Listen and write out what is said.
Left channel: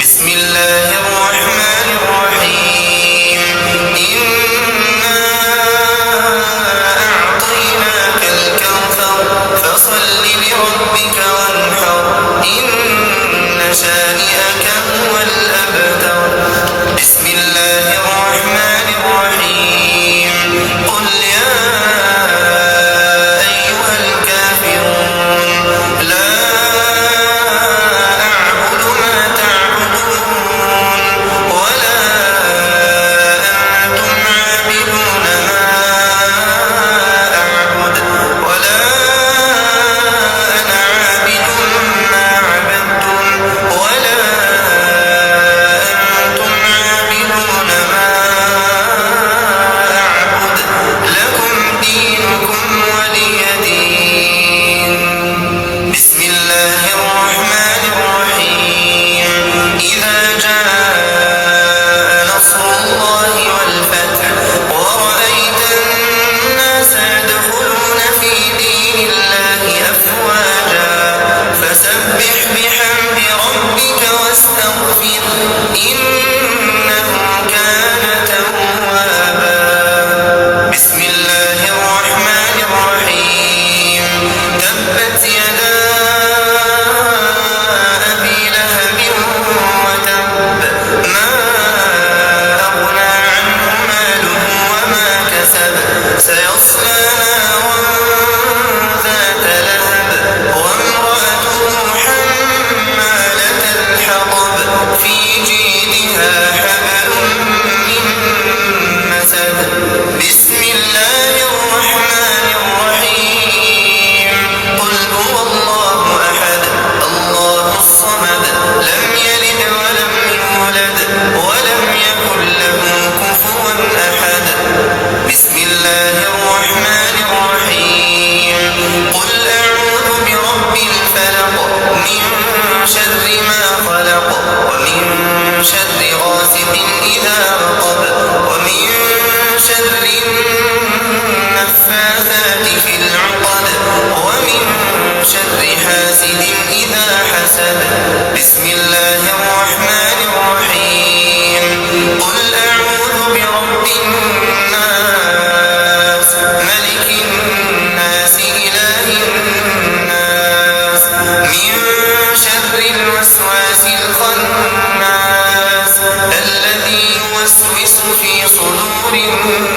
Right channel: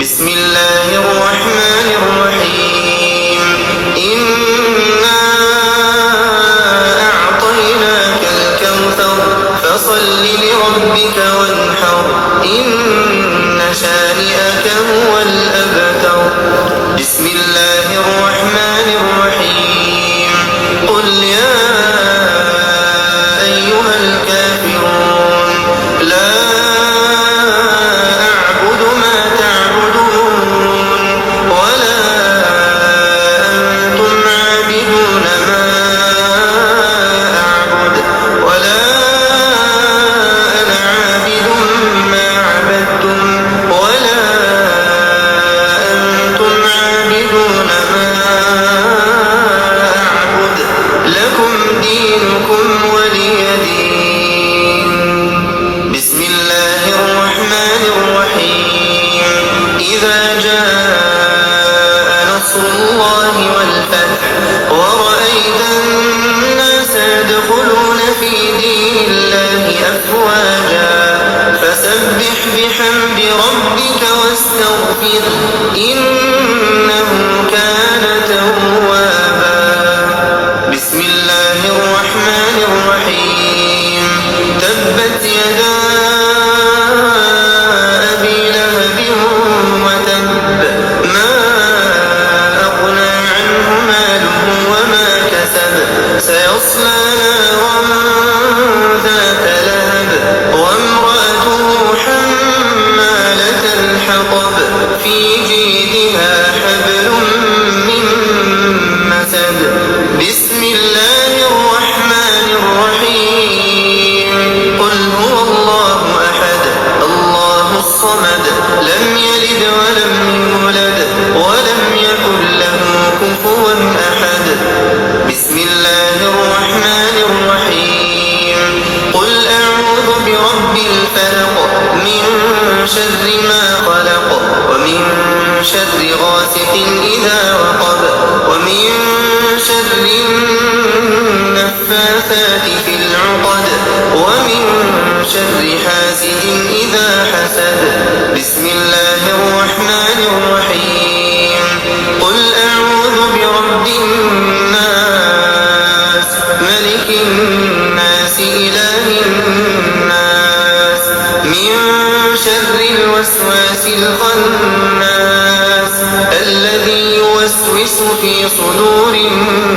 بسم الله الرحمن الرحيم إنا أعطيناك الكوثر فصل لربك وانحر إن شانئك هو الأبتر بسم الله الرحمن الرحيم قل يا أيها الكافرون لا أعبد ما تعبدون ولا أنتم عابدون ما أعبد ولا أنا عابد ما عبدتم ولا أنتم عابدون ما أعبد لكم دينكم ولي دين بسم الله الرحمن الرحيم إذا جاء نصر الله والفتح ورأيت الناس يدخلون في دين الله أفواجا فسبح بحمد ربك واستغفر إنه كان توابا بسم الله الرحمن الرحيم تبت يدا أبي لهب وتب ما أغنى عنه ماله وما كسب سيصلى نارا ذات لهب وامرأته حمالة الحطب في جيدها حبل من مسد بسم الله الرحمن الرحيم قل هو الله أحد الله الصمد لم يلد ولم يولد ولم يكن له كفوا أحد بسم الله الرحمن الرحيم قل أعوذ برب الفلق من شر ما خلق ومن شر غاسق إذا وقب ومن شر النفاثات في العقد ومن شر حاسد إذا حسد بسم الله الرحمن الرحيم قل أعوذ برب الناس ملك الناس إله الناس من شر الوسواس الخناس الذي يوسوس في صدور الناس